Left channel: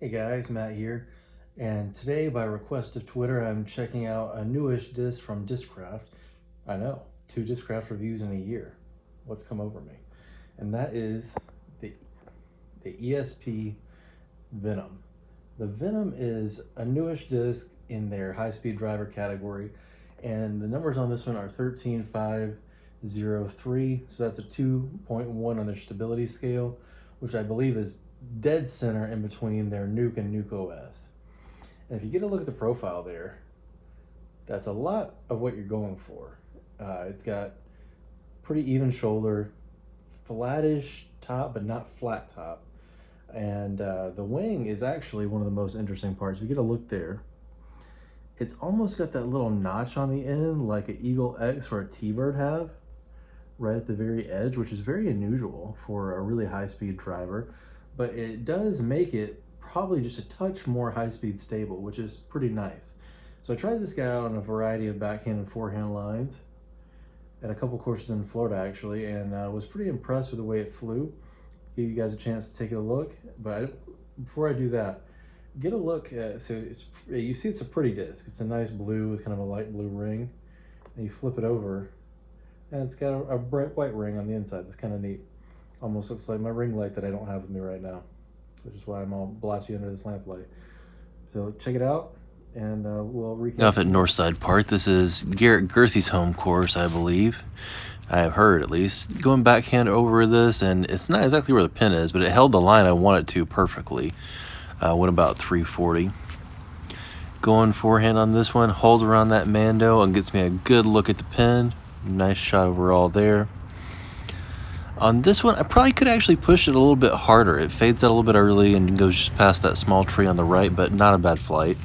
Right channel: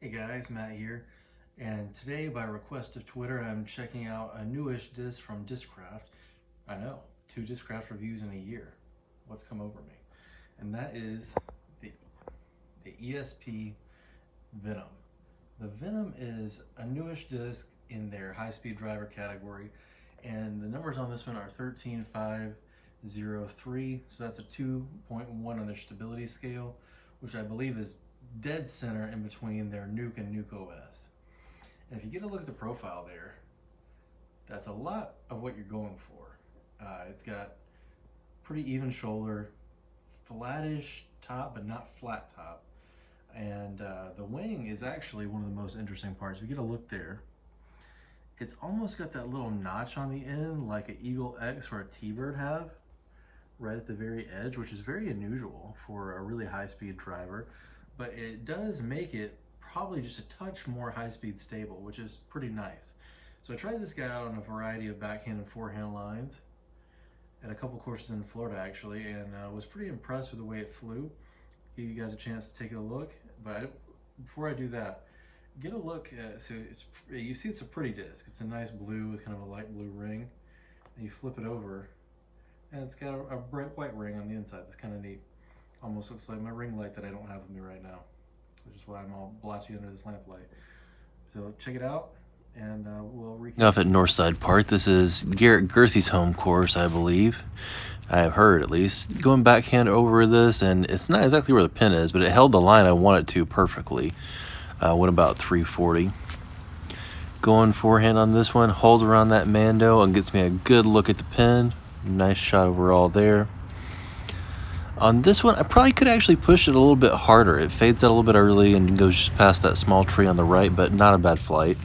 Hey guys, Matt here, and today by request of Twitter I'm checking out a newish disc from Discraft. I know, 2 Discraft reviews in a year. What's come over me? And that is the, the ESP Venom. The Venom is a newish disc in their high-speed driver category, and the numbers on this one are 13503, so that's a 2.1 on their stability scale, which I believe is dead center in between their Nuke and Nuke OS. And if you get a look at the profile there, that's a lot of what you're going for. It's got pretty even shoulder, flattish top, but not flat top. And the wing is actually one of the most interesting parts. If you get a look there, it's almost got that little notch on the end like an Eagle X or a T-Bird have right at the very edge, which is very unusual for a really high-speed driver, but it does make it probably just a touch more high-speed stable, which is pretty nice. So I tried this guy out on a variety of backhand and forehand lines at a couple courses in Florida actually, and was pretty impressed with the way it flew. Give you guys a chance to take a look, but before I do that, get a look at, so you see it's a pretty disc. It's a nice blue with kind of a light blue ring, and you flip it over, and it's got a bright white ring on the inside. That's kind of neat. Almost looks like my ring light that I don't have with me right now, which is why I'm all blotchy under this lamplight. So check it out, and we'll recap. Off at Northside Park. This is Garrett Gerthy's home course, I believe. I have heard, at least. Going backhand over this, and it's not exactly where the pin is, but it held the line I want it to perfectly. Went about 340. Going forehand on this one, holds around that Mando and gets me a good look at the pin. Nice shot overall there. On this one, I probably could actually push it a little bit harder. It fades out a little bit early and goes just past that small tree on the right, but not a bad flight.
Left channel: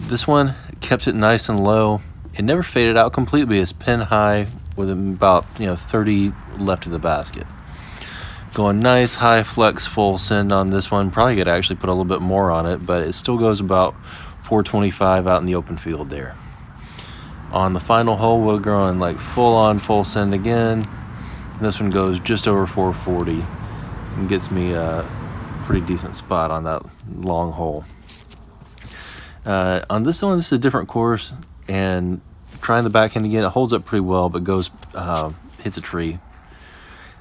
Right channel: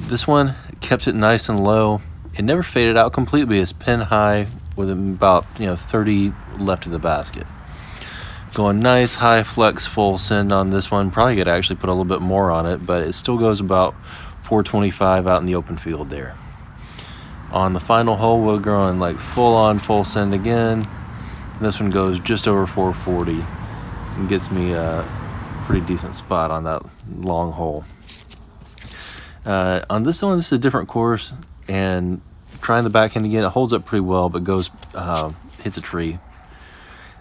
This one kept it nice and low. It never faded out completely. It's pin high with about 30 left of the basket. Going nice, high flex, full send on this one. Probably could actually put a little bit more on it, but it still goes about 425 out in the open field there. On the final hole, we're going like full on, full send again. This one goes just over 440 and gets me a pretty decent spot on that long hole. On this one, this is a different course, and trying the backhand again, it holds up pretty well, but goes hits a tree.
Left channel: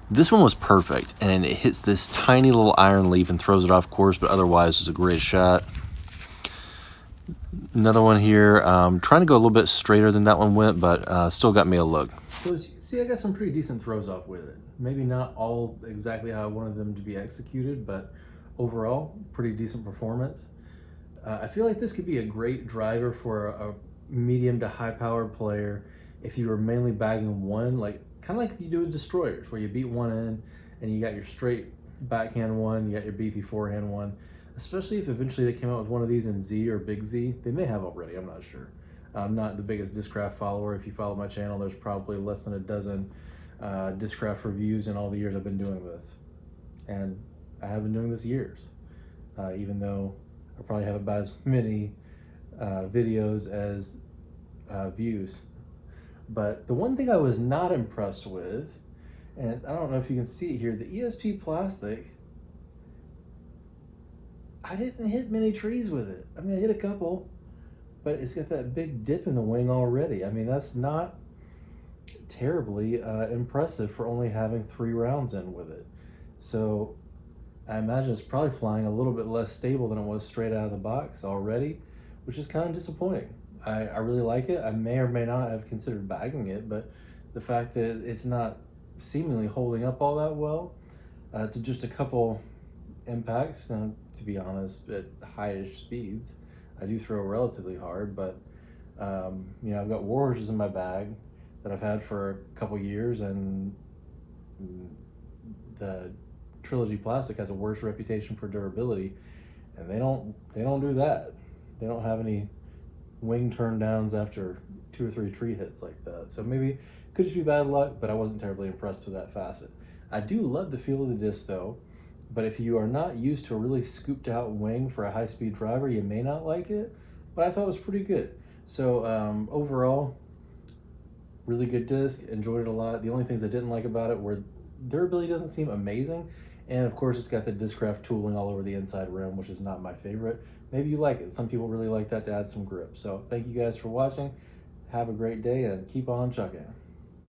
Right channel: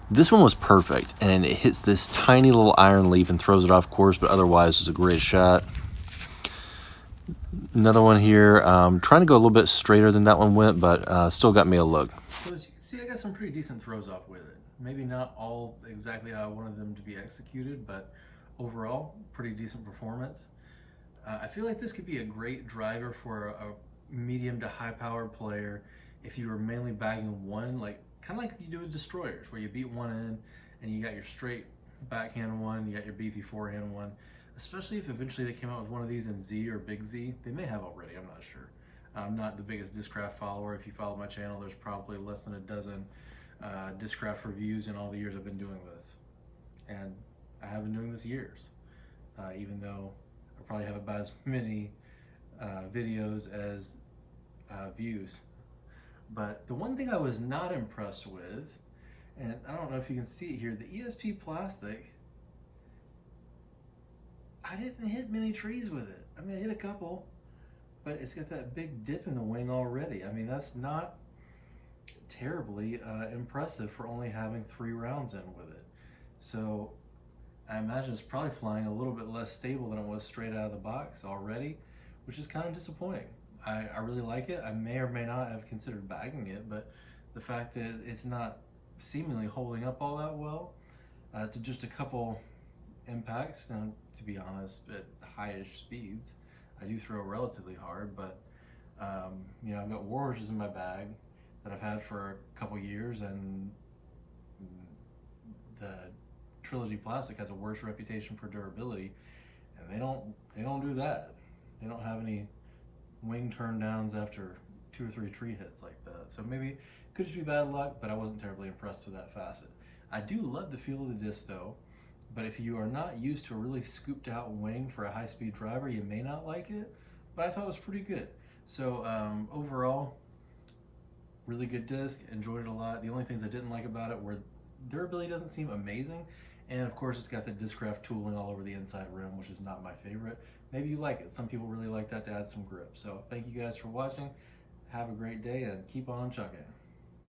This one was perfect, and it hits this tiny little iron leaf and throws it off course, but otherwise it was a great shot. Another one here, trying to go a little bit straighter than that one went, but still got me a look. So as you can see, I got some pretty decent throws off with it. Maybe not all exactly how I wanted them to be executed, but overall, pretty decent performance. I feel like this could be a great driver for a medium to high powered player if you were mainly bagging one, like kind of like you do with destroyers, where you beat one in and you got your straight backhand one, you got your beefy forehand one. Especially if eventually they came out with one of these in Z or Big Z. They may have already, I'm not sure. I'm not the biggest Discraft follower. If you follow my channel, there's probably less than a dozen Discraft reviews in all the years I've been doing this. And I have been doing this years, even though I probably have about as many videos as views. But the one thing I was not impressed with, and I don't know if you can see it here, the ESP plastic, I didn't hit many trees with it. I mean, I hit a couple, but it's got that big dip in the wing already. I mean, that's not terribly impressive for only having 3 rounds in with it. So I imagine it's probably flying a little bit less stable than it was straight out of the box already, which is kind of disappointing. I really like it. I may or may not have considered bagging it, but the fact that it's not seemingly holding up all that well to just a couple impacts. Now, to be honest, at high-ish speeds, I do throw relatively hard, but I've got Warhorses in my bag that I've had for a couple years, and the Trilogy Plastic has a worse reputation for durability, and they don't do that. They don't have any wing turn downs after 2 or 3 tree hits like that. So maybe it could just be bad luck, but I wasn't terribly impressed with that facet. I do love the feel of the disc though, but if you are not used to a really scooped out wing for a high-speed driver, you may not like it, but I thought it was pretty good. So overall, really good disc, enjoyed it a lot. The only things I didn't like about it were durability doesn't seem amazing, And of course, it's got the Discraft tooling all over the inside rim, which is not my favorite. Maybe you like it. Some people really like that to add some grip. So thank you guys for watching. Have a great day and keep on chucking.